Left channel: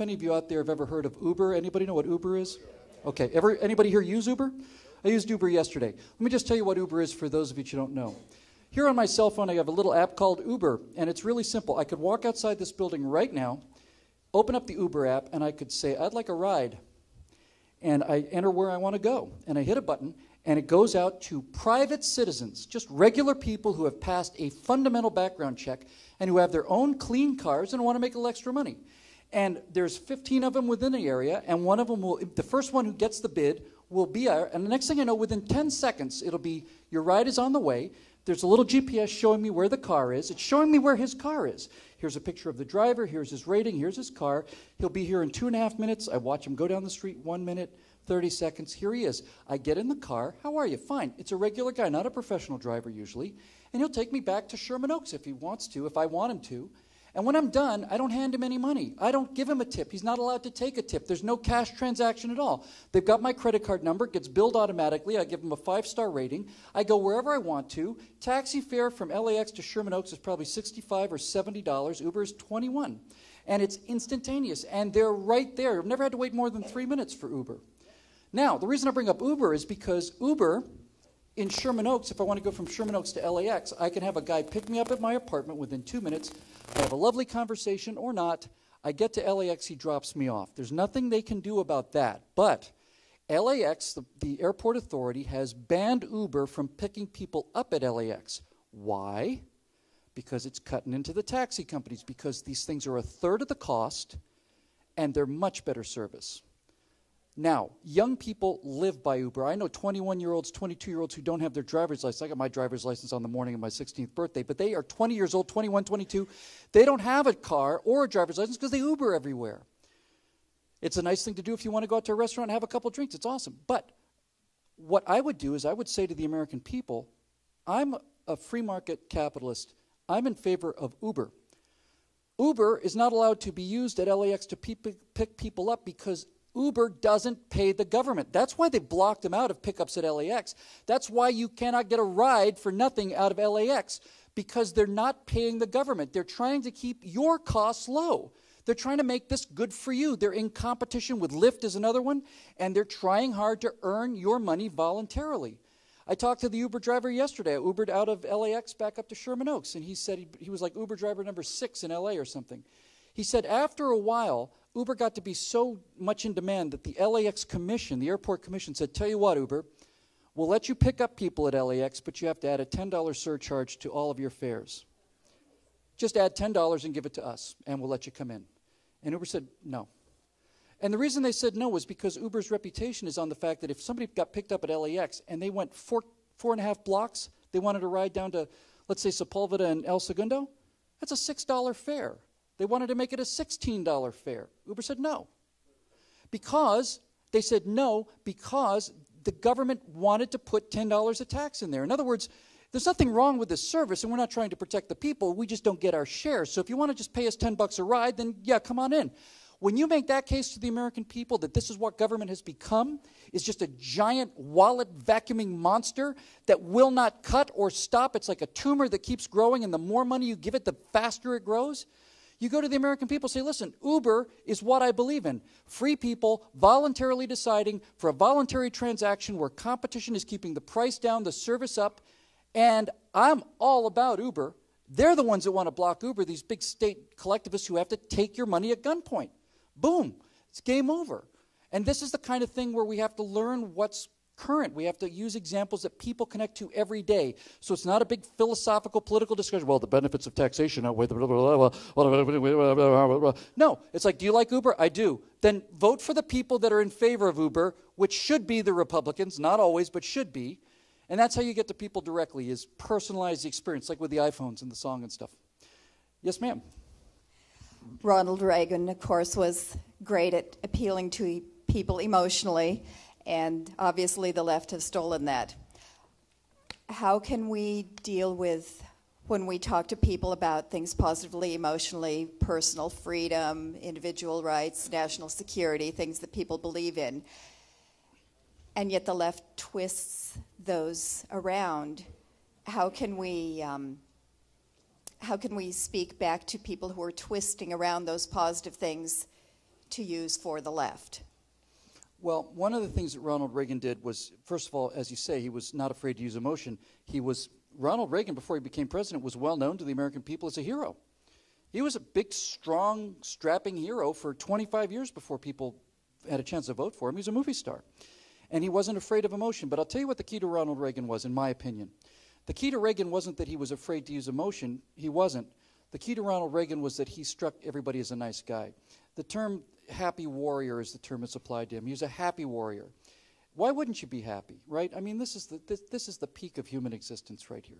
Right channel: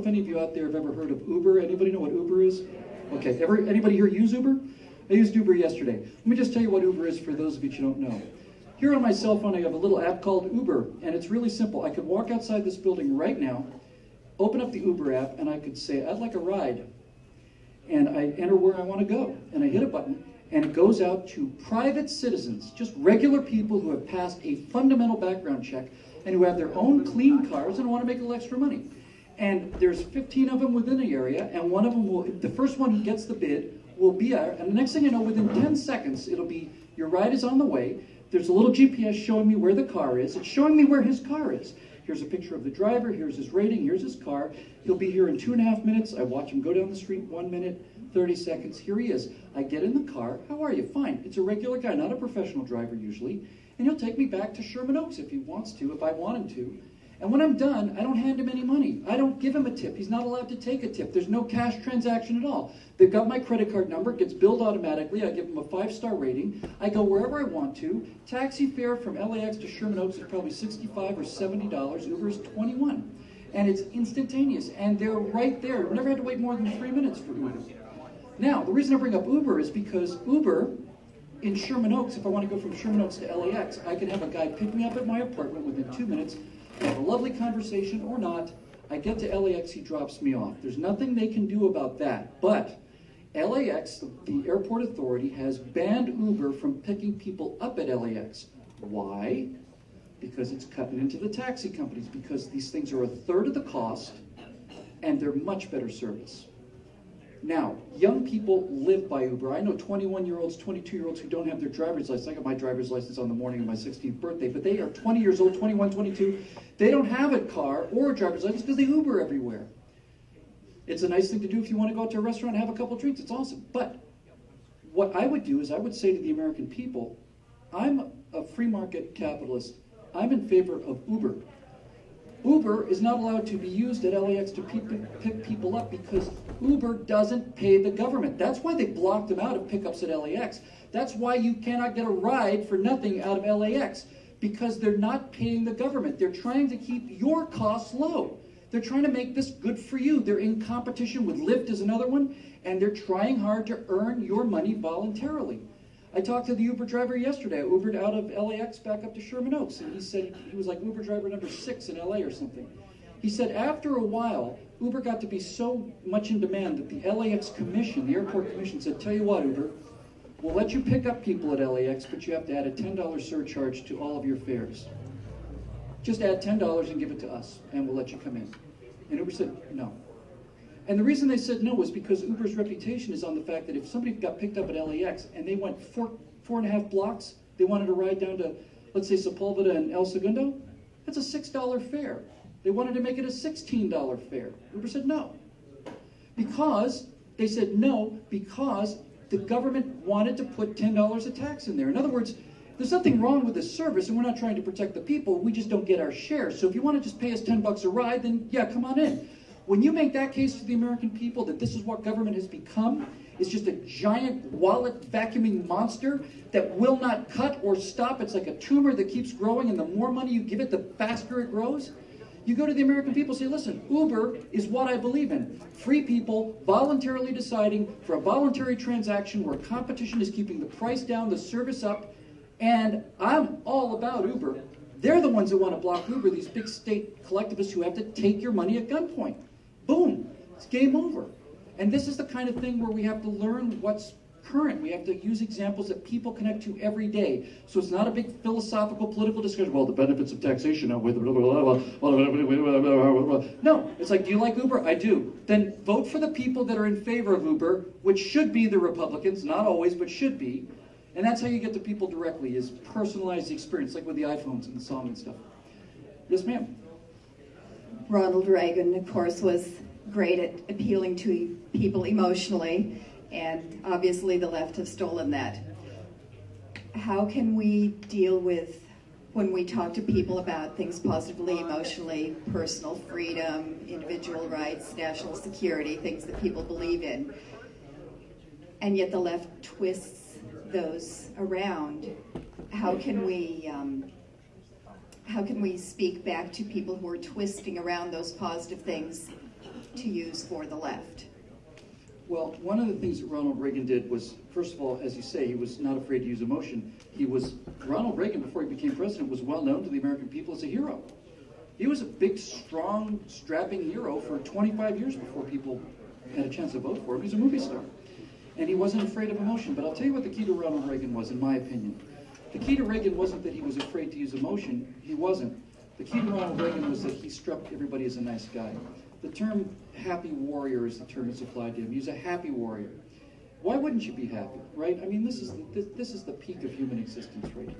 if any of you out there have ever heard of Uber. Anybody know what Uber is? Okay, anybody here use Uber? I used Uber yesterday. Let me just tell you what Uber is for those of you who don't know. Here on my cell phone, I have a little app called Uber, and it's really simple. I could walk outside this building right now, open up the Uber app, and I could say, I'd like a ride. And I enter where I want to go, and I hit a button, and it goes out to private citizens, just regular people who have passed a fundamental background check and who have their own clean cars and want to make a little extra money. And there's 15 of them within the area, and one of them will, the first one who gets the bid will be out, and the next thing I know, within 10 seconds, it'll be, your ride is on the way. There's a little GPS showing me where the car is. It's showing me where his car is. Here's a picture of the driver, here's his rating, here's his car. He'll be here in 2.5 minutes. I watch him go down the street, 1 minute, 30 seconds. Here he is. I get in the car. How are you? Fine. It's a regular guy, not a professional driver usually. And he'll take me back to Sherman Oaks if he wants to, if I want him to. And when I'm done, I don't hand him any money. I don't give him a tip. He's not allowed to take a tip. There's no cash transaction at all. They've got my credit card number. It gets billed automatically. I give him a 5-star rating. I go wherever I want to. Taxi fare from LAX to Sherman Oaks is probably $65 or $70. Uber is $21. And it's instantaneous. And they're right there. I've never had to wait more than 3 minutes for Uber. Now, the reason I bring up Uber is because Uber in Sherman Oaks, if I want to go from Sherman Oaks to LAX, I can have a guy pick me up at my apartment within 2 minutes. I have a lovely conversation or not. I get to LAX, he drops me off. There's nothing they can do about that. But LAX, the airport authority, has banned Uber from picking people up at LAX. Why? Because it's cutting into the taxi companies, because these things are a third of the cost and they're much better service. Now, young people live by Uber. I know 21-year-olds, 22-year-olds who don't have their driver's license. I got my driver's license on the morning of my 16th birthday, but they are 20 years old, 21, 22. They don't have a car or a driver's license because they Uber everywhere. It's a nice thing to do if you want to go out to a restaurant and have a couple of drinks. It's awesome. But what I would do is I would say to the American people, I'm a free market capitalist. I'm in favor of Uber. Uber is not allowed to be used at LAX to pick people up because Uber doesn't pay the government. That's why they blocked them out of pickups at LAX. That's why you cannot get a ride for nothing out of LAX, because they're not paying the government. They're trying to keep your costs low. They're trying to make this good for you. They're in competition with Lyft is another one, and they're trying hard to earn your money voluntarily. I talked to the Uber driver yesterday. I Ubered out of LAX back up to Sherman Oaks, and he said he was like Uber driver number 6 in LA or something. He said after a while, Uber got to be so much in demand that the LAX commission, the airport commission, said, tell you what, Uber, we'll let you pick up people at LAX, but you have to add a $10 surcharge to all of your fares. Just add $10 and give it to us, and we'll let you come in. And Uber said, no. And the reason they said no was because Uber's reputation is on the fact that if somebody got picked up at LAX and they went 4.5 blocks, they wanted to ride down to, let's say, Sepulveda and El Segundo, that's a $6 fare. They wanted to make it a $16 fare. Uber said no. Because they said no, because the government wanted to put $10 of tax in there. In other words, there's nothing wrong with this service, and we're not trying to protect the people. We just don't get our share. So if you want to just pay us $10 a ride, then yeah, come on in. When you make that case to the American people that this is what government has become, it's just a giant wallet vacuuming monster that will not cut or stop. It's like a tumor that keeps growing, and the more money you give it, the faster it grows. You go to the American people and say, listen, Uber is what I believe in. Free people voluntarily deciding for a voluntary transaction where competition is keeping the price down, the service up, and I'm all about Uber. They're the ones who want to block Uber, these big state collectivists who have to take your money at gunpoint. Boom, it's game over. And this is the kind of thing where we have to learn what's current. We have to use examples that people connect to every day. So it's not a big philosophical, political discussion. Well, the benefits of taxation outweigh the blah, blah, blah, blah. No, it's like, do you like Uber? I do. Then vote for the people that are in favor of Uber, which should be the Republicans, not always, but should be. And that's how you get to people directly, is personalized experience, like with the iPhones and the song and stuff. Yes, ma'am. Ronald Reagan, of course, was great at appealing to people emotionally, and obviously the left has stolen that. How can we deal with, when we talk to people about things positively, emotionally, personal freedom, individual rights, national security, things that people believe in, and yet the left twists those around? How can we speak back to people who are twisting around those positive things to use for the left? Well, one of the things that Ronald Reagan did was, first of all, as you say, he was not afraid to use emotion. Ronald Reagan, before he became president, was well known to the American people as a hero. He was a big, strong, strapping hero for 25 years before people had a chance to vote for him. He was a movie star. And he wasn't afraid of emotion. But I'll tell you what the key to Ronald Reagan was, in my opinion. The key to Reagan wasn't that he was afraid to use emotion. He wasn't. The key to Ronald Reagan was that he struck everybody as a nice guy. The term happy warrior is the term that's applied to him. He was a happy warrior. Why wouldn't you be happy, right? I mean, this is the peak of human existence right here.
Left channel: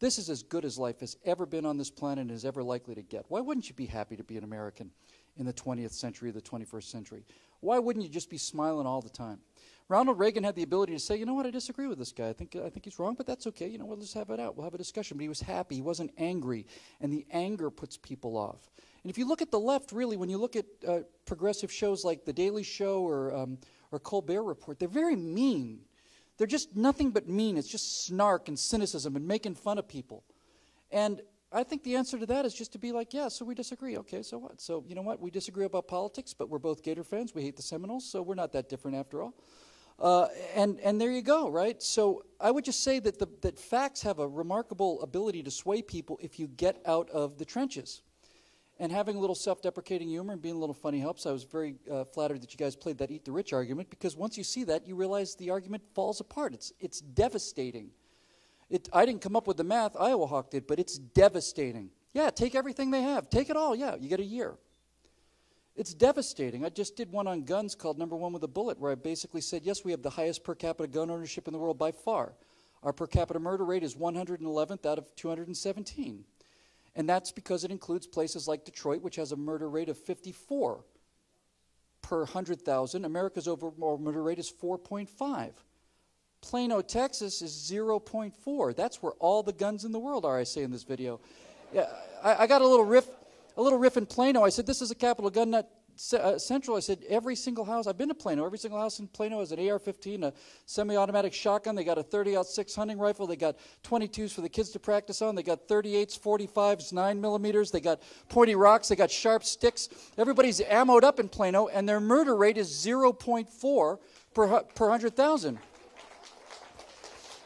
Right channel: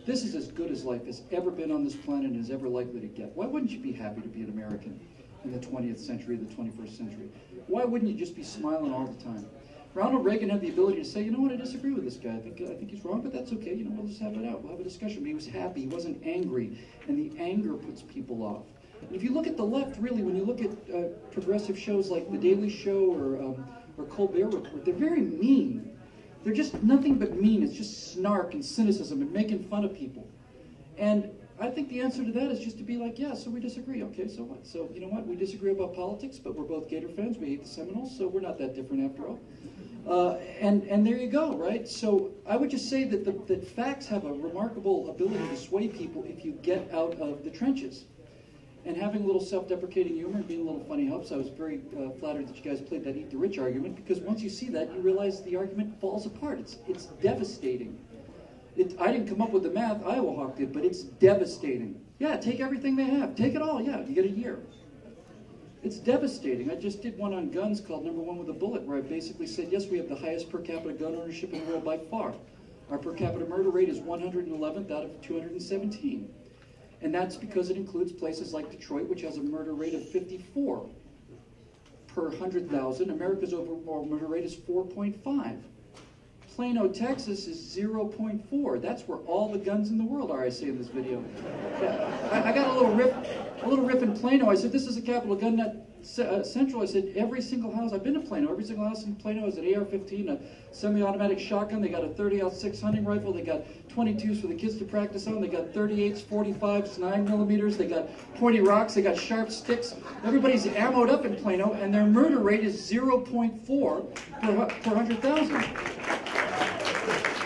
This is as good as life has ever been on this planet and is ever likely to get. Why wouldn't you be happy to be an American in the 20th century or the 21st century? Why wouldn't you just be smiling all the time? Ronald Reagan had the ability to say, you know what, I disagree with this guy. I think he's wrong, but that's okay. You know, we'll just have it out. We'll have a discussion. But he was happy. He wasn't angry. And the anger puts people off. And if you look at the left, really, when you look at progressive shows like The Daily Show or Colbert Report, they're very mean. They're just nothing but mean. It's just snark and cynicism and making fun of people. And I think the answer to that is just to be like, yeah, so we disagree. Okay, so what? So, you know what? We disagree about politics, but we're both Gator fans. We hate the Seminoles, so we're not that different after all. And there you go, right? So I would just say that facts have a remarkable ability to sway people if you get out of the trenches. And having a little self-deprecating humor and being a little funny helps. I was very flattered that you guys played that Eat the Rich argument, because once you see that, you realize the argument falls apart. It's devastating. I didn't come up with the math, Iowa Hawk did, but it's devastating. Yeah, take everything they have. Take it all, yeah, you get a year. It's devastating. I just did one on guns called Number One with a Bullet, where I basically said, yes, we have the highest per capita gun ownership in the world by far. Our per capita murder rate is 111th out of 217. And that's because it includes places like Detroit, which has a murder rate of 54 per 100,000. America's overall murder rate is 4.5. Plano, Texas is 0.4. That's where all the guns in the world are, I say in this video. I got a little riff in Plano. I said, this is a capital gun nut central. I said, every single house, I've been to Plano, every single house in Plano has an AR-15, a semi-automatic shotgun. They got a 30-06 hunting rifle. They got 22s for the kids to practice on. They got 38s, 45s, 9mm. They got pointy rocks. They got sharp sticks. Everybody's ammoed up in Plano, and their murder rate is 0.4 per 100,000.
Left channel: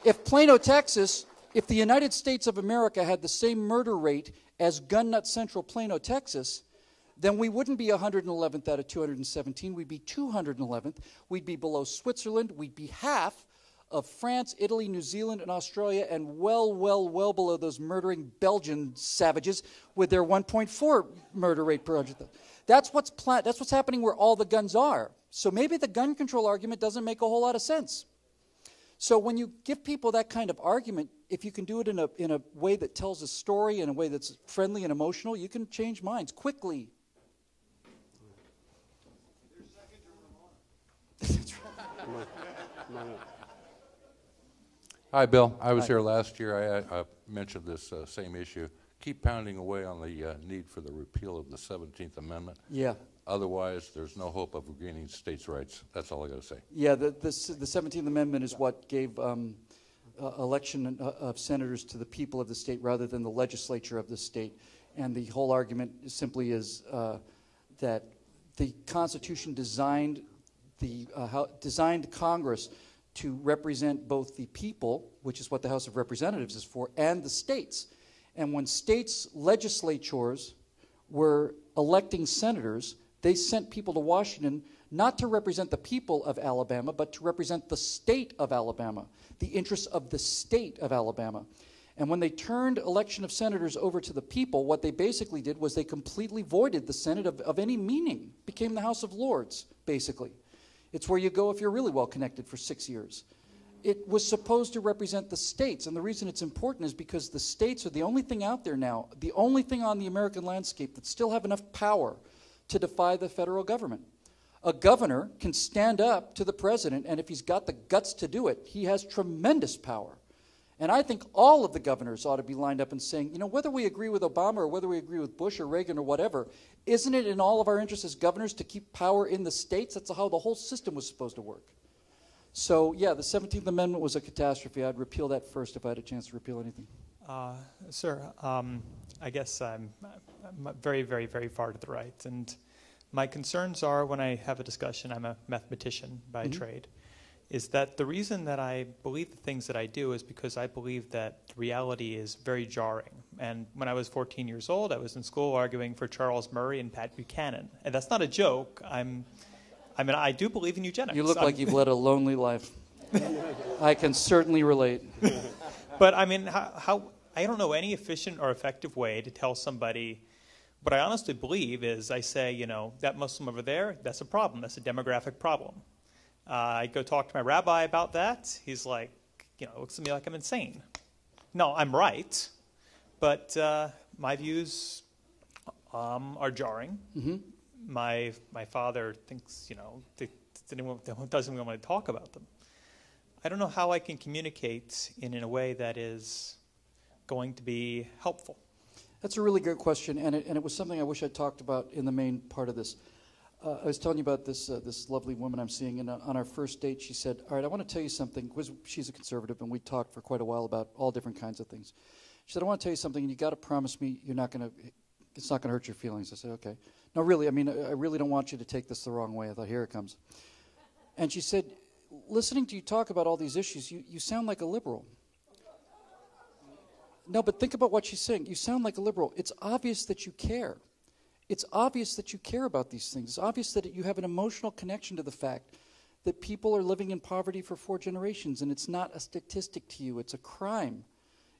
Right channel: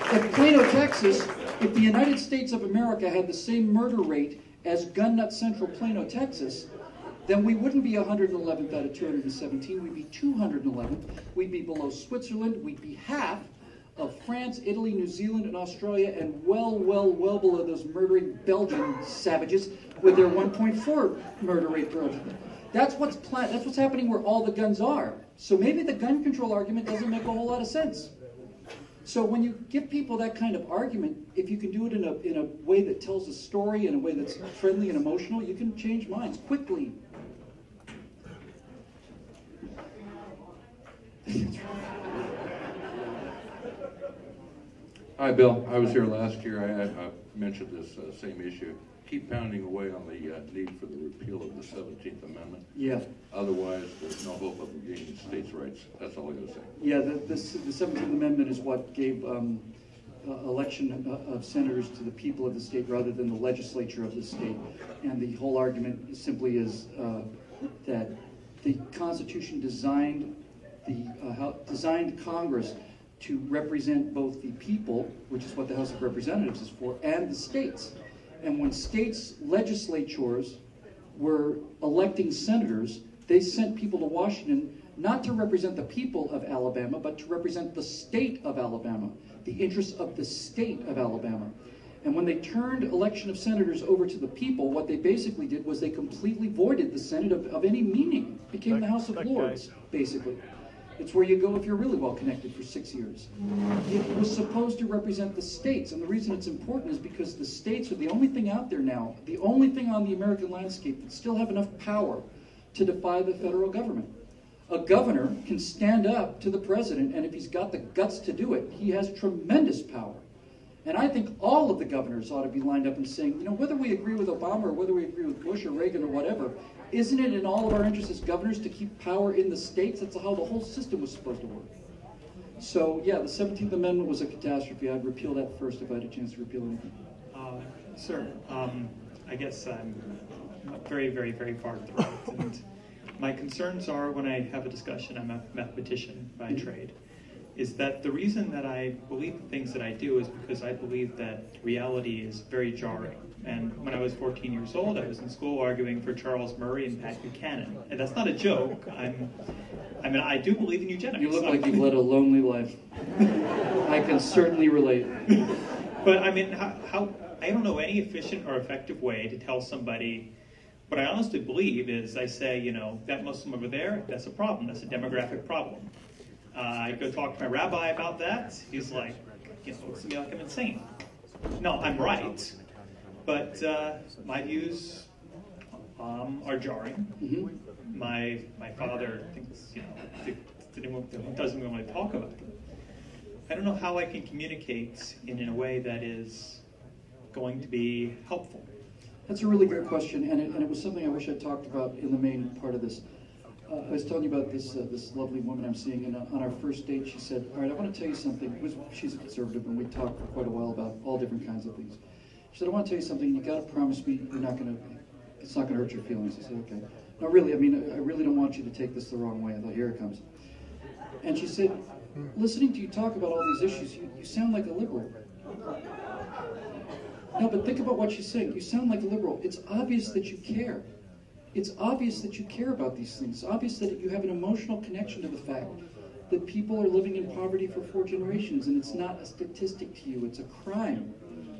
In Plano, Texas, if the United States of America had the same murder rate as Gun Nut Central Plano, Texas, then we wouldn't be 111th out of 217. We'd be 211th. We'd be below Switzerland. We'd be half of France, Italy, New Zealand, and Australia, and well below those murdering Belgian savages with their 1.4 murder rate per 100. That's what's happening where all the guns are. So maybe the gun control argument doesn't make a whole lot of sense. So when you give people that kind of argument, if you can do it in a way that tells a story, in a way that's friendly and emotional, you can change minds quickly. Hi, Bill. I was here last year. I mentioned this same issue. Keep pounding away on the need for the repeal of the 17th Amendment. Yeah. Otherwise, there's no hope of gaining states' rights. That's all I got to say. Yeah, the 17th Amendment is what gave election of senators to the people of the state rather than the legislature of the state. And the whole argument simply is that the Constitution designed Congress to represent both the people, which is what the House of Representatives is for, and the states. And when states' legislatures were electing senators, they sent people to Washington not to represent the people of Alabama, but to represent the state of Alabama, the interests of the state of Alabama. And when they turned election of senators over to the people, what they basically did was they completely voided the Senate of any meaning. It became the House of Lords, basically. It's where you go if you're really well connected for 6 years. It was supposed to represent the states, and the reason it's important is because the states are the only thing out there now, the only thing on the American landscape that still have enough power to defy the federal government. A governor can stand up to the president, and if he's got the guts to do it, he has tremendous power. And I think all of the governors ought to be lined up and saying, you know, whether we agree with Obama or whether we agree with Bush or Reagan or whatever, isn't it in all of our interests as governors to keep power in the states? That's how the whole system was supposed to work. So, yeah, the 17th Amendment was a catastrophe. I'd repeal that first if I had a chance to repeal anything. Sir, I guess I'm very, very, very far to the right. And my concerns are when I have a discussion, I'm a mathematician by trade, is that the reason that I believe the things that I do is because I believe that reality is very jarring. And when I was 14 years old, I was in school arguing for Charles Murray and Pat Buchanan. And that's not a joke. I do believe in eugenics. You look like you've led a lonely life. I can certainly relate. But I mean, I don't know any efficient or effective way to tell somebody what I honestly believe is I say, that Muslim over there, that's a problem. That's a demographic problem. I go talk to my rabbi about that. He's like, looks at me like I'm insane. No, I'm right. But my views are jarring. Mm-hmm. My father thinks, doesn't even want to talk about them. I don't know how I can communicate in a way that is going to be helpful. That's a really good question, and it was something I wish I'd talked about in the main part of this. I was telling you about this lovely woman I'm seeing, and on our first date she said, all right, I want to tell you something. She's a conservative, and we talked for quite a while about all different kinds of things. She said, I want to tell you something. You got to promise me it's not going to hurt your feelings. I said, okay. No, really, I really don't want you to take this the wrong way. I thought, here it comes. And she said, listening to you talk about all these issues, you sound like a liberal. No, but think about what she said. You sound like a liberal. It's obvious that you care. It's obvious that you care about these things. It's obvious that you have an emotional connection to the fact that people are living in poverty for 4 generations, and it's not a statistic to you. It's a crime.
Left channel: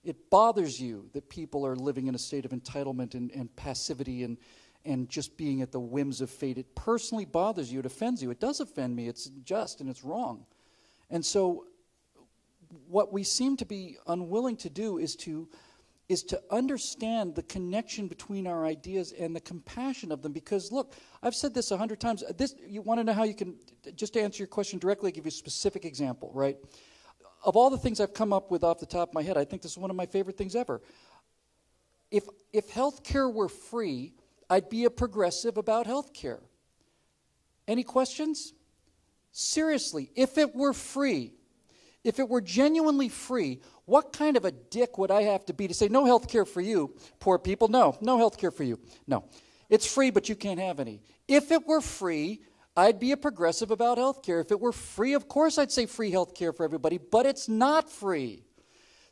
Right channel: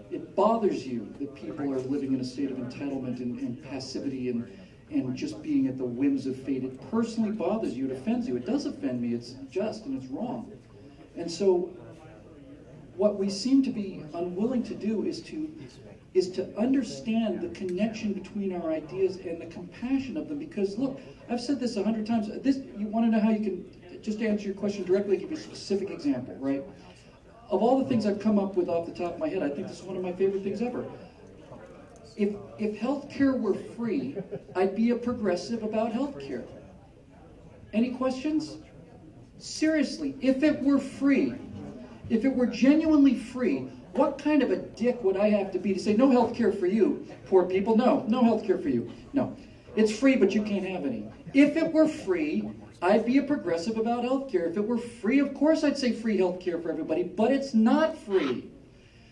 It bothers you that people are living in a state of entitlement and passivity and just being at the whims of fate. It personally bothers you. It offends you. It does offend me. It's just and it's wrong. And so what we seem to be unwilling to do is to understand the connection between our ideas and the compassion of them. Because, look, I've said this 100 times. You want to know how you can, just to answer your question directly, give you a specific example, right? Of all the things I've come up with off the top of my head, I think this is one of my favorite things ever. If healthcare were free, I'd be a progressive about healthcare. Any questions? Seriously, if it were free, if it were genuinely free, what kind of a dick would I have to be to say, no healthcare for you, poor people? No healthcare for you. No. It's free, but you can't have any. If it were free, I'd be a progressive about healthcare. If it were free, of course I'd say free healthcare for everybody, but it's not free.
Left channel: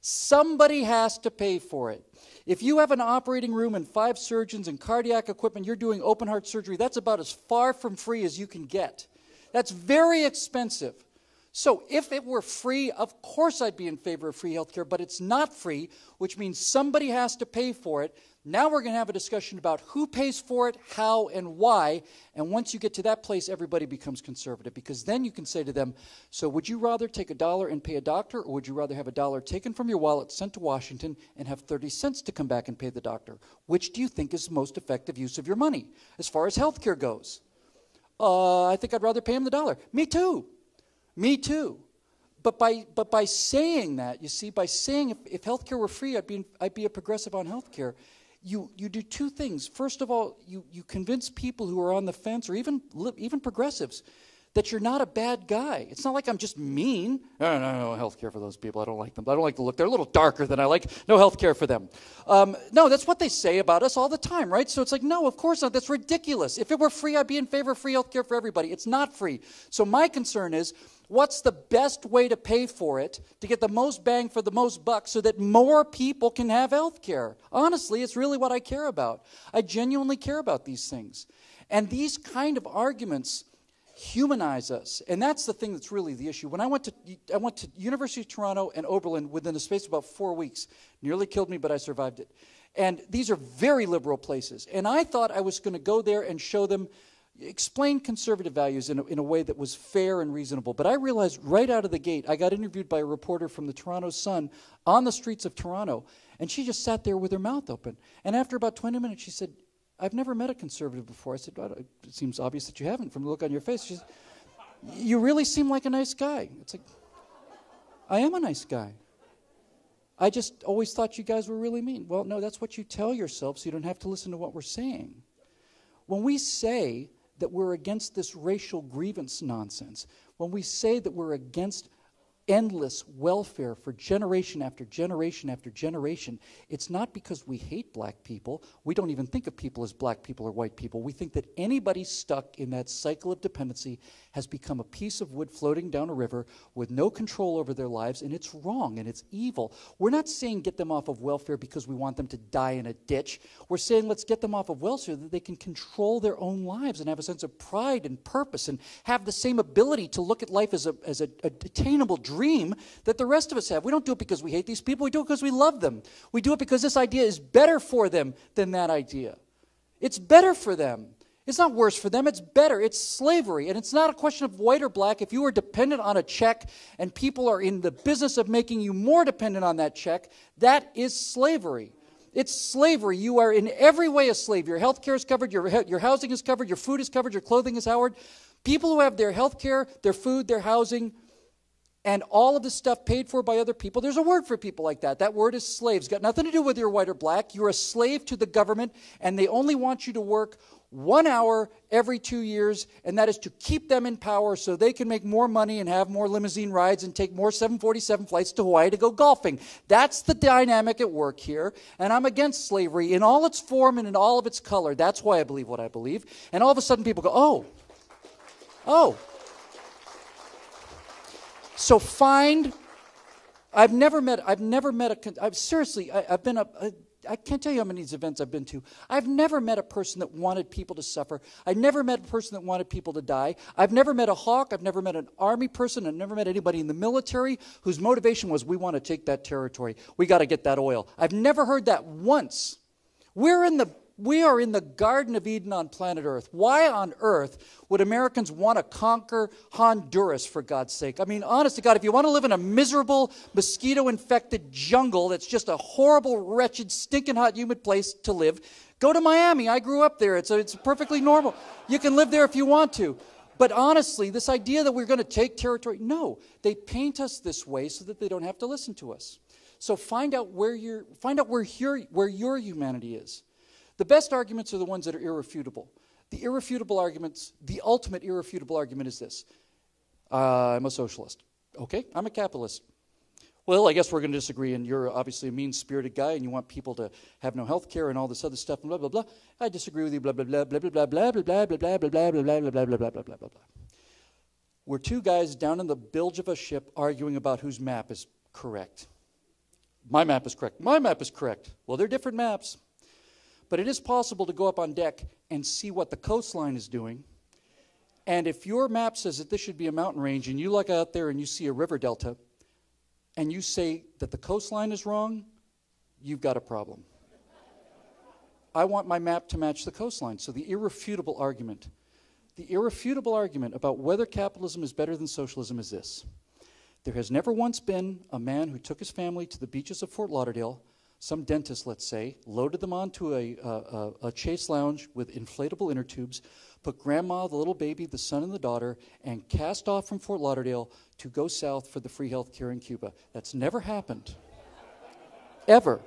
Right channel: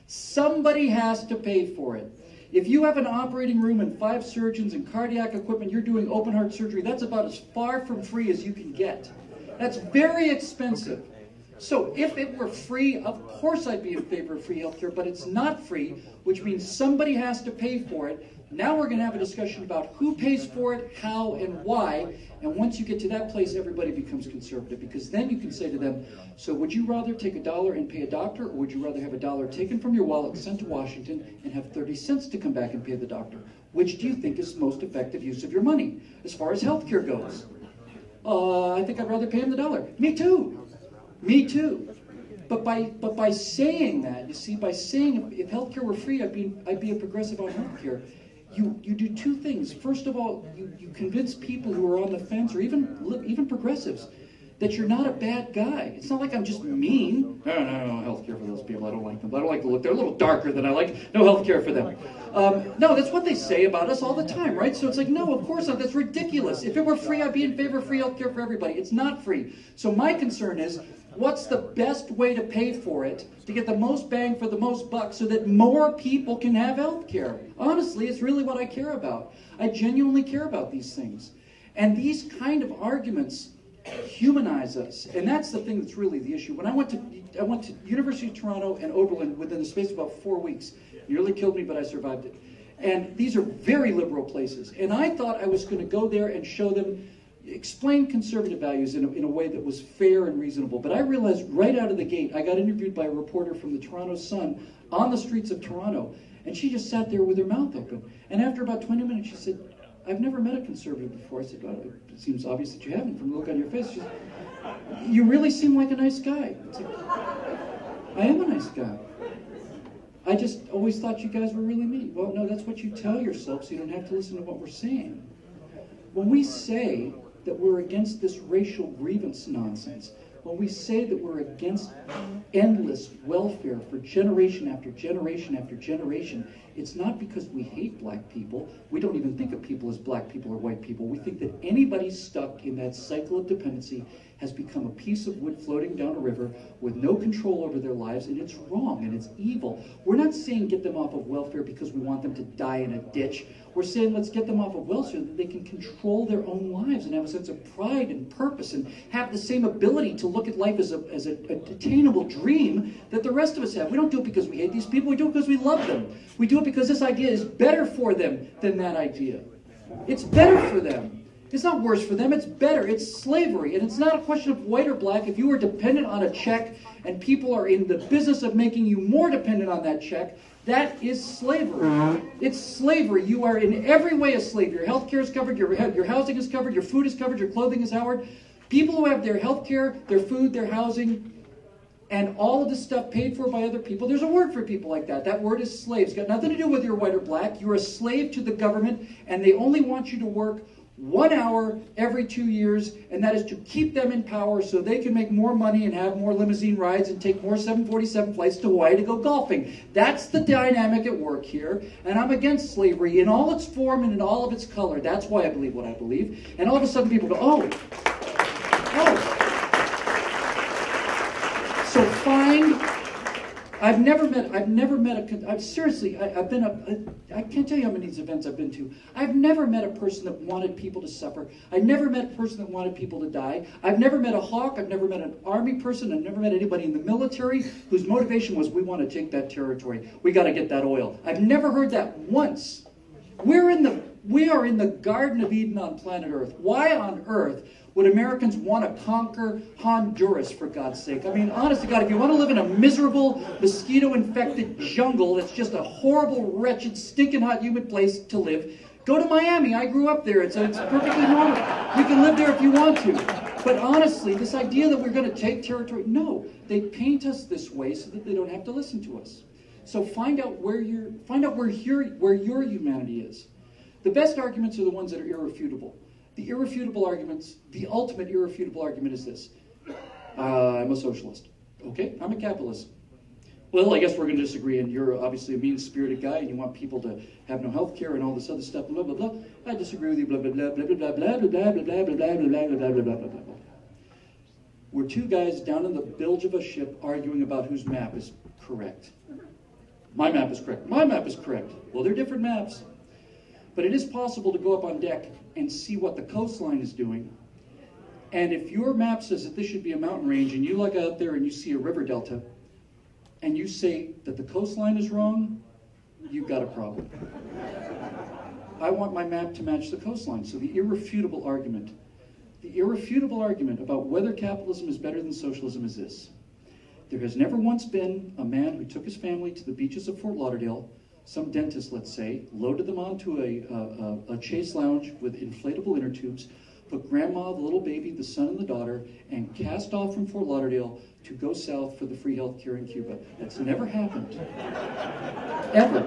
Somebody has to pay for it. If you have an operating room and 5 surgeons and cardiac equipment, you're doing open heart surgery, that's about as far from free as you can get. That's very expensive. So if it were free, of course I'd be in favor of free healthcare, but it's not free, which means somebody has to pay for it. Now we're going to have a discussion about who pays for it, how, and why. And once you get to that place, everybody becomes conservative, because then you can say to them, so would you rather take $1 and pay a doctor, or would you rather have $1 taken from your wallet, sent to Washington, and have 30 cents to come back and pay the doctor? Which do you think is the most effective use of your money as far as healthcare goes? I think I'd rather pay him the $1. Me too. Me too. But by saying that, you see, by saying if healthcare were free, I'd be a progressive on healthcare. You do 2 things. First of all, you convince people who are on the fence, or even progressives, that you're not a bad guy. It's not like I'm just mean. No healthcare for those people. I don't like them. I don't like the look. They're a little darker than I like. No healthcare for them. No, that's what they say about us all the time, right? So it's like, no, of course not. That's ridiculous. If it were free, I'd be in favor of free healthcare for everybody. It's not free. So my concern is, what's the best way to pay for it to get the most bang for the most buck so that more people can have health care? Honestly, it's really what I care about. I genuinely care about these things. And these kind of arguments humanize us. And that's the thing that's really the issue. When I went to University of Toronto and Oberlin within a space of about 4 weeks. Nearly killed me, but I survived it. And these are very liberal places. And I thought I was going to go there and show them, explain conservative values in a way that was fair and reasonable. But I realized right out of the gate, I got interviewed by a reporter from the Toronto Sun on the streets of Toronto, and she just sat there with her mouth open. And after about 20 minutes, she said, I've never met a conservative before. I said, well, it seems obvious that you haven't from the look on your face. She said, you really seem like a nice guy. I said, I am a nice guy. I just always thought you guys were really mean. Well, no, that's what you tell yourself, so you don't have to listen to what we're saying. When we say that we're against this racial grievance nonsense, when we say that we're against endless welfare for generation after generation after generation, it's not because we hate black people. We don't even think of people as black people or white people. We think that anybody stuck in that cycle of dependency has become a piece of wood floating down a river with no control over their lives, and it's wrong and it's evil. We're not saying get them off of welfare because we want them to die in a ditch. We're saying let's get them off of welfare so that they can control their own lives and have a sense of pride and purpose and have the same ability to look at life as an attainable dream that the rest of us have. We don't do it because we hate these people. We do it because we love them. We do it because this idea is better for them than that idea. It's better for them. It's not worse for them, it's better. It's slavery. And it's not a question of white or black. If you are dependent on a check and people are in the business of making you more dependent on that check, that is slavery. It's slavery. You are in every way a slave. Your health care is covered, your housing is covered, your food is covered, your clothing is covered. People who have their health care, their food, their housing, and all of the stuff paid for by other people, there's a word for people like that. That word is slaves. It's got nothing to do with you're white or black. You're a slave to the government, and they only want you to work 1 hour every 2 years, and that is to keep them in power so they can make more money and have more limousine rides and take more 747 flights to Hawaii to go golfing. That's the dynamic at work here, and I'm against slavery in all its form and in all of its color. That's why I believe what I believe. And all of a sudden people go, oh. So fine. I've never met I can't tell you how many of these events I've been to. I've never met a person that wanted people to suffer. I've never met a person that wanted people to die. I've never met a hawk. I've never met an army person. I've never met anybody in the military whose motivation was, we want to take that territory. We got to get that oil. I've never heard that once. We are in the Garden of Eden on planet Earth. Why on earth would Americans want to conquer Honduras, for God's sake? I mean, honest to God, if you want to live in a miserable, mosquito-infected jungle that's just a horrible, wretched, stinking hot, humid place to live, go to Miami. I grew up there. It's perfectly normal. You can live there if you want to. But honestly, this idea that we're going to take territory, no. They paint us this way so that they don't have to listen to us. So find out where your humanity is. The best arguments are the ones that are irrefutable. The irrefutable arguments, the ultimate irrefutable argument is this. I'm a socialist. Okay, I'm a capitalist. Well, I guess we're going to disagree, and you're obviously a mean-spirited guy, and you want people to have no health care and all this other stuff, blah, blah, blah. I disagree with you, blah, blah, blah, blah, blah, blah, blah, blah, blah, blah, blah, blah, blah, blah, blah. We're two guys down in the bilge of a ship arguing about whose map is correct. My map is correct. My map is correct. Well, they're different maps. But it is possible to go up on deck and see what the coastline is doing. And if your map says that this should be a mountain range, and you look out there and you see a river delta, and you say that the coastline is wrong, you've got a problem. I want my map to match the coastline. So the irrefutable argument about whether capitalism is better than socialism is this. There has never once been a man who took his family to the beaches of Fort Lauderdale, some dentist, let's say, loaded them onto a chase lounge with inflatable inner tubes, put grandma, the little baby, the son, and the daughter, and cast off from Fort Lauderdale to go south for the free health care in Cuba. That's never happened. Ever.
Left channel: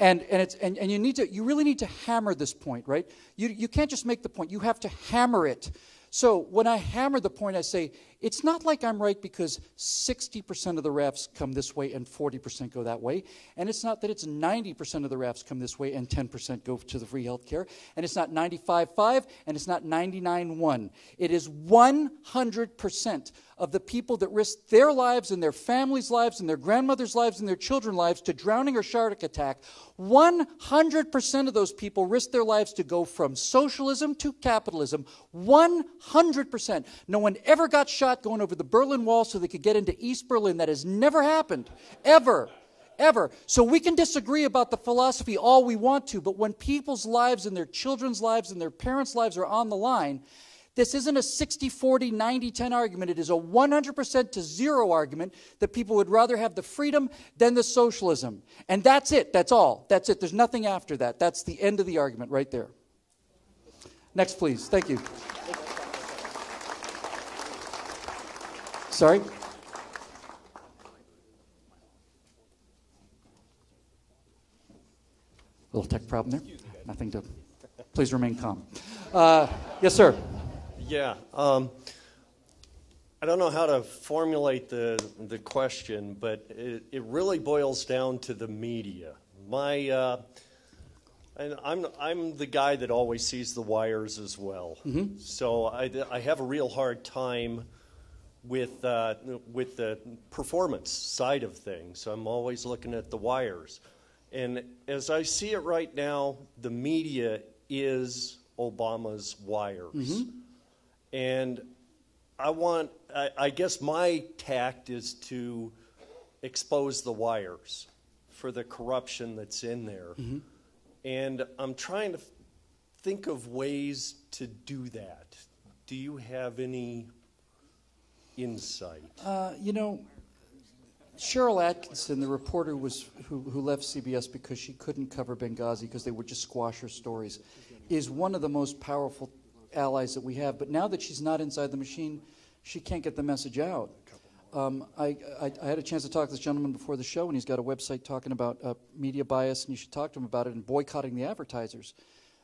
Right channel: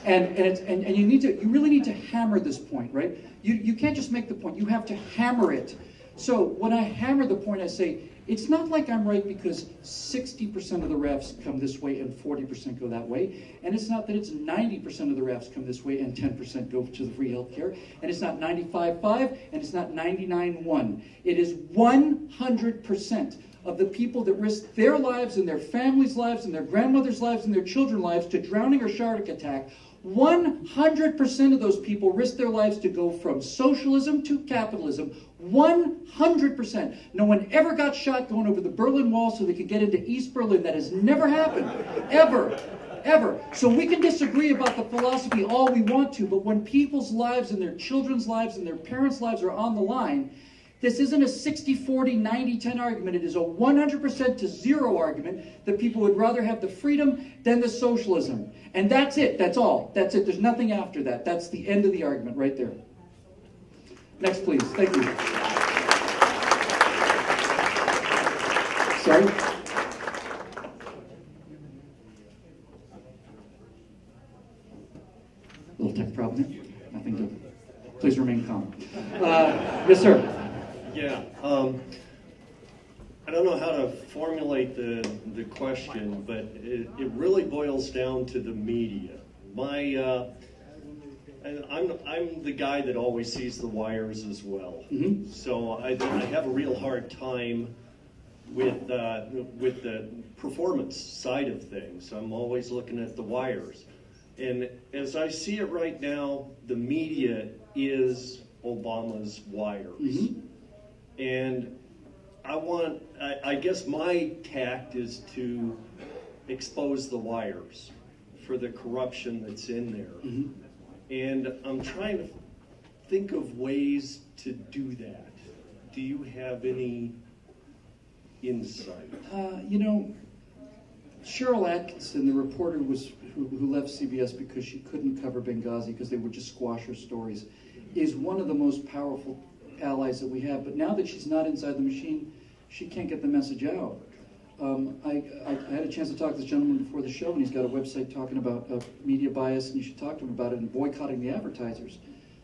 And you really need to hammer this point, right? You can't just make the point. You have to hammer it. So when I hammer the point, I say, it's not like I'm right because 60% of the rafts come this way and 40% go that way. And it's not that it's 90% of the rafts come this way and 10% go to the free health care. And it's not 95.5 and it's not 99.1. It is 100% of the people that risk their lives and their families' lives and their grandmothers' lives and their children's lives to drowning or shark attack. 100% of those people risk their lives to go from socialism to capitalism. 100%. No one ever got shot going over the Berlin Wall so they could get into East Berlin. That has never happened. Ever. Ever. So we can disagree about the philosophy all we want to, but when people's lives and their children's lives and their parents' lives are on the line, this isn't a 60-40, 90-10 argument. It is a 100% to 0 argument that people would rather have the freedom than the socialism. And that's it. That's all. That's it. There's nothing after that. That's the end of the argument right there. Next, please. Thank you. Sorry? Little tech problem there. Nothing to... Please remain calm. Yes, sir. Yeah. I don't know how to formulate the question, but it really boils down to the media. I'm the guy that always sees the wires as well. Mm-hmm. So I have a real hard time with the performance side of things. I'm always looking at the wires. And as I see it right now, the media is Obama's wires. Mm-hmm. And I guess my tact is to expose the wires for the corruption that's in there. Mm-hmm. And I'm trying to think of ways to do that. Do you have any insight? Cheryl Atkinson, the reporter who left CBS because she couldn't cover Benghazi because they would just squash her stories, is one of the most powerful allies that we have. But now that she's not inside the machine, she can't get the message out. I had a chance to talk to this gentleman before the show, and he's got a website talking about media bias, and you should talk to him about it, and boycotting the advertisers.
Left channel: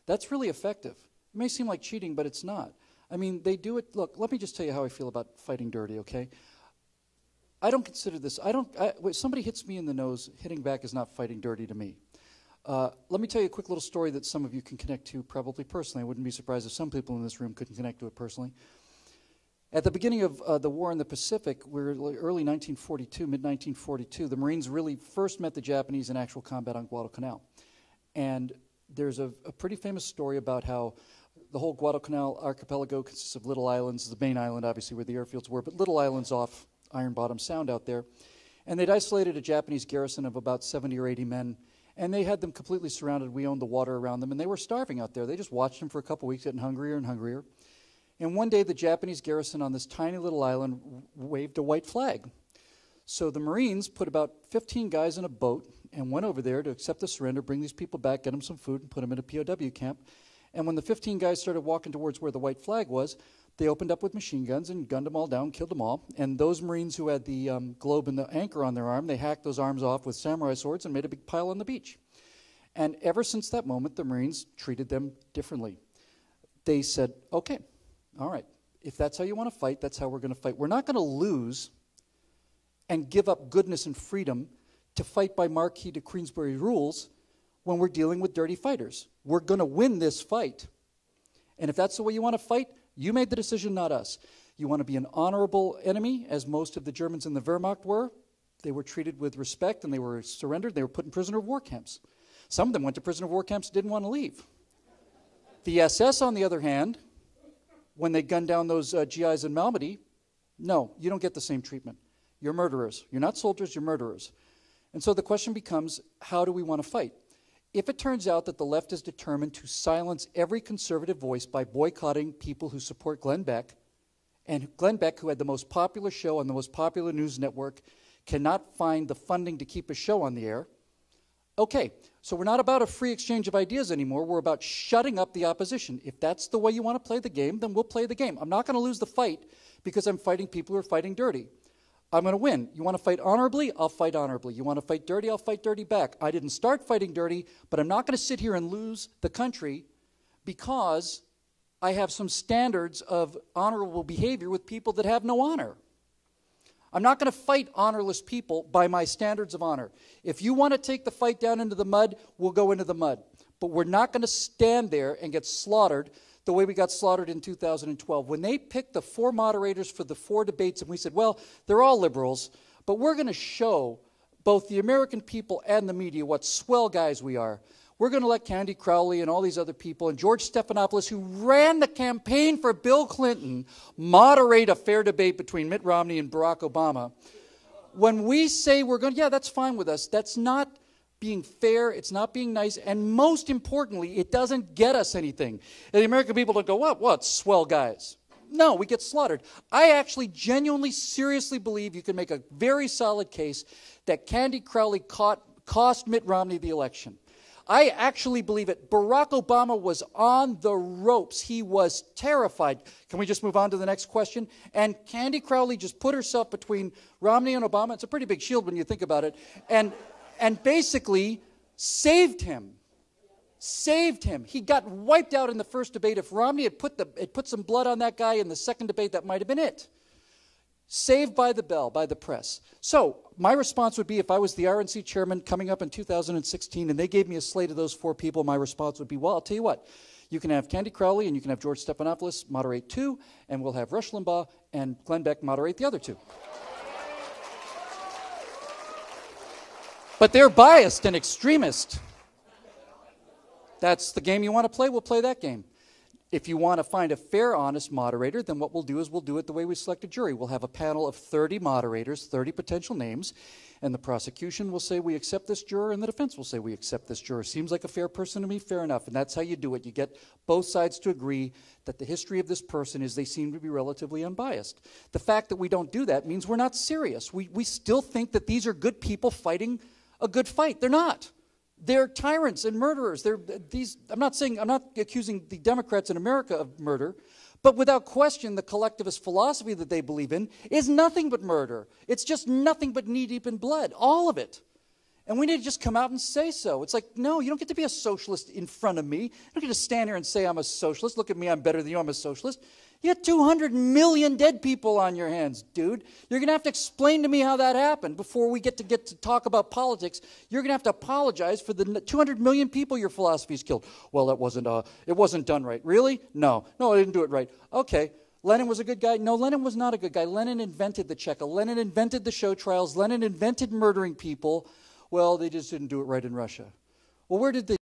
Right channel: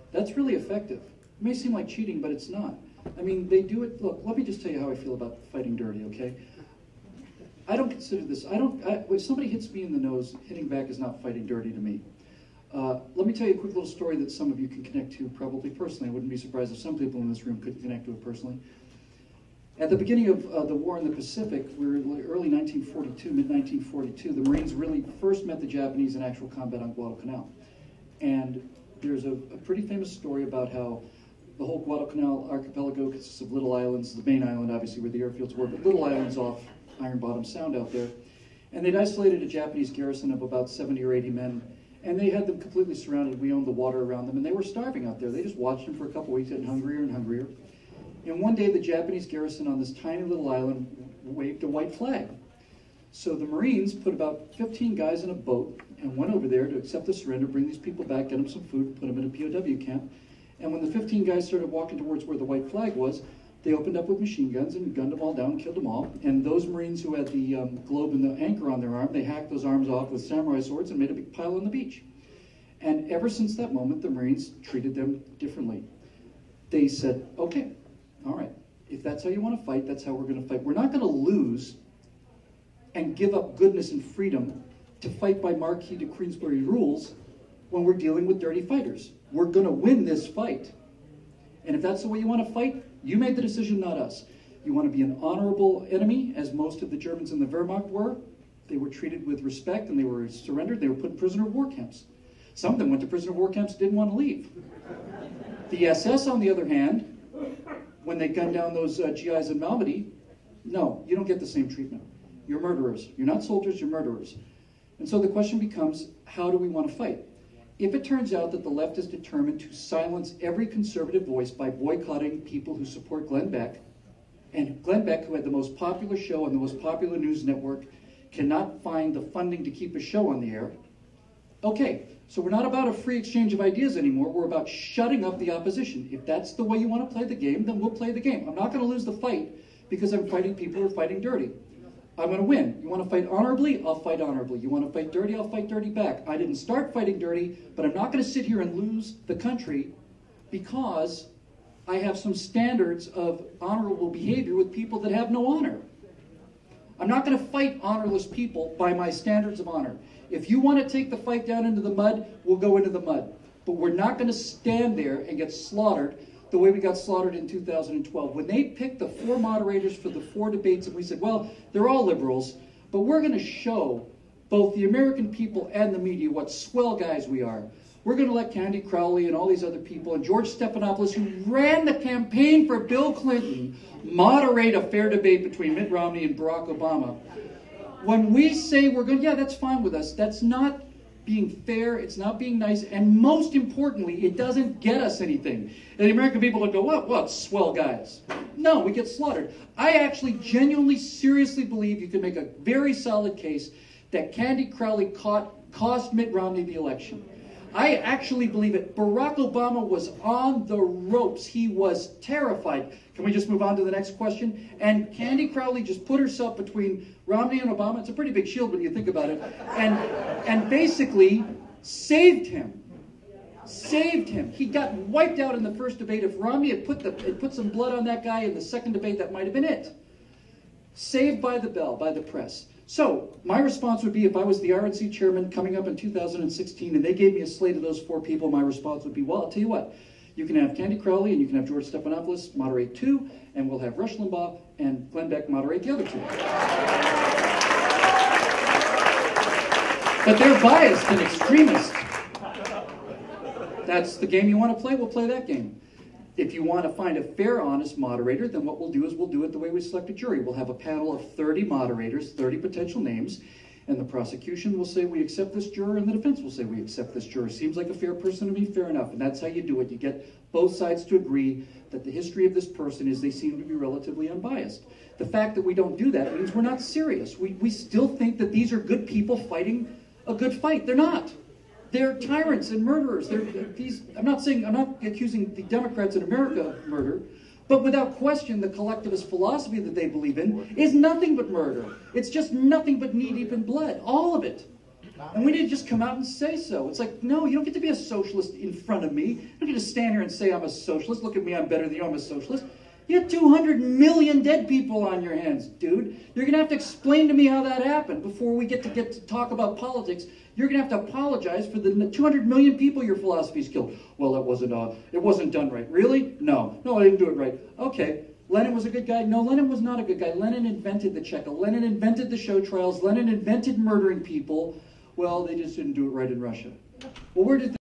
That's really effective. It may seem like cheating, but it's not. I mean, they do it. Look, let me just tell you how I feel about fighting dirty, okay? I don't consider this, when somebody hits me in the nose, hitting back is not fighting dirty to me. Let me tell you a quick little story that some of you can connect to probably personally. I wouldn't be surprised if some people in this room could connect to it personally. At the beginning of the war in the Pacific, we were early 1942, mid-1942, the Marines really first met the Japanese in actual combat on Guadalcanal. And there's a pretty famous story about how the whole Guadalcanal archipelago consists of little islands, the main island obviously where the airfields were, but little islands off Iron Bottom Sound out there. And they'd isolated a Japanese garrison of about 70 or 80 men, and they had them completely surrounded. We owned the water around them, and they were starving out there. They just watched them for a couple weeks, getting hungrier and hungrier. And one day, the Japanese garrison on this tiny little island waved a white flag. So the Marines put about 15 guys in a boat and went over there to accept the surrender, bring these people back, get them some food, put them in a POW camp. And when the 15 guys started walking towards where the white flag was, they opened up with machine guns and gunned them all down, killed them all. And those Marines who had the globe and the anchor on their arm, they hacked those arms off with samurai swords and made a big pile on the beach. And ever since that moment, the Marines treated them differently. They said, okay, all right, if that's how you want to fight, that's how we're going to fight. We're not going to lose and give up goodness and freedom to fight by Marquis de Queensberry rules when we're dealing with dirty fighters. We're going to win this fight. And if that's the way you want to fight, you make the decision, not us. You want to be an honorable enemy, as most of the Germans in the Wehrmacht were. They were treated with respect, and they were surrendered. They were put in prisoner of war camps. Some of them went to prisoner of war camps and didn't want to leave. The SS, on the other hand, when they gunned down those GIs in Malmedy, no, you don't get the same treatment. You're murderers. You're not soldiers, you're murderers. And so the question becomes, how do we want to fight? If it turns out that the left is determined to silence every conservative voice by boycotting people who support Glenn Beck, and Glenn Beck, who had the most popular show on the most popular news network, cannot find the funding to keep a show on the air, okay, so we're not about a free exchange of ideas anymore. We're about shutting up the opposition. If that's the way you want to play the game, then we'll play the game. I'm not going to lose the fight because I'm fighting people who are fighting dirty. I'm going to win. You want to fight honorably? I'll fight honorably. You want to fight dirty? I'll fight dirty back. I didn't start fighting dirty, but I'm not going to sit here and lose the country because I have some standards of honorable behavior with people that have no honor. I'm not going to fight honorless people by my standards of honor. If you want to take the fight down into the mud, we'll go into the mud. But we're not going to stand there and get slaughtered the way we got slaughtered in 2012. When they picked the 4 moderators for the 4 debates, and we said, well, they're all liberals, but we're going to show both the American people and the media what swell guys we are. We're going to let Candy Crowley and all these other people, and George Stephanopoulos, who ran the campaign for Bill Clinton, moderate a fair debate between Mitt Romney and Barack Obama. When we say we're going to, yeah, that's fine with us, that's not being fair, it's not being nice, and most importantly, it doesn't get us anything. And the American people don't go, what, swell guys. No, we get slaughtered. I actually genuinely, seriously believe you can make a very solid case that Candy Crowley cost Mitt Romney the election. I actually believe it. Barack Obama was on the ropes. He was terrified. Can we just move on to the next question? And Candy Crowley just put herself between Romney and Obama. It's a pretty big shield when you think about it. And basically saved him. Saved him. He got wiped out in the first debate. If Romney had put some blood on that guy in the second debate, that might have been it. Saved by the bell, by the press. So, my response would be, if I was the IRC chairman coming up in 2016 and they gave me a slate of those 4 people, my response would be, well, I'll tell you what, you can have Candy Crowley and you can have George Stephanopoulos moderate 2, and we'll have Rush Limbaugh and Glenn Beck moderate the other 2. But they're biased and extremist. That's the game you want to play, we'll play that game. If you want to find a fair, honest moderator, then what we'll do is we'll do it the way we select a jury. We'll have a panel of 30 moderators, 30 potential names, and the prosecution will say we accept this juror, and the defense will say we accept this juror. Seems like a fair person to me, fair enough. And that's how you do it. You get both sides to agree that the history of this person is they seem to be relatively unbiased. The fact that we don't do that means we're not serious. We still think that these are good people fighting a good fight. They're not. They're tyrants and murderers. I'm not accusing the Democrats in America of murder, but without question, the collectivist philosophy that they believe in is nothing but murder. It's just nothing but knee-deep in blood, all of it. And we need to just come out and say so. It's like, no, you don't get to be a socialist in front of me. You don't get to stand here and say I'm a socialist. Look at me, I'm better than you, I'm a socialist. You have 200 million dead people on your hands, dude. You're going to have to explain to me how that happened before we get to talk about politics. You're going to have to apologize for the 200 million people your philosophy's killed. Well, it wasn't done right. Really? No, I didn't do it right. Okay, Lenin was a good guy? No, Lenin was not a good guy. Lenin invented the Cheka. Lenin invented the show trials. Lenin invented murdering people. Well, they just didn't do it right in Russia. Well, where did they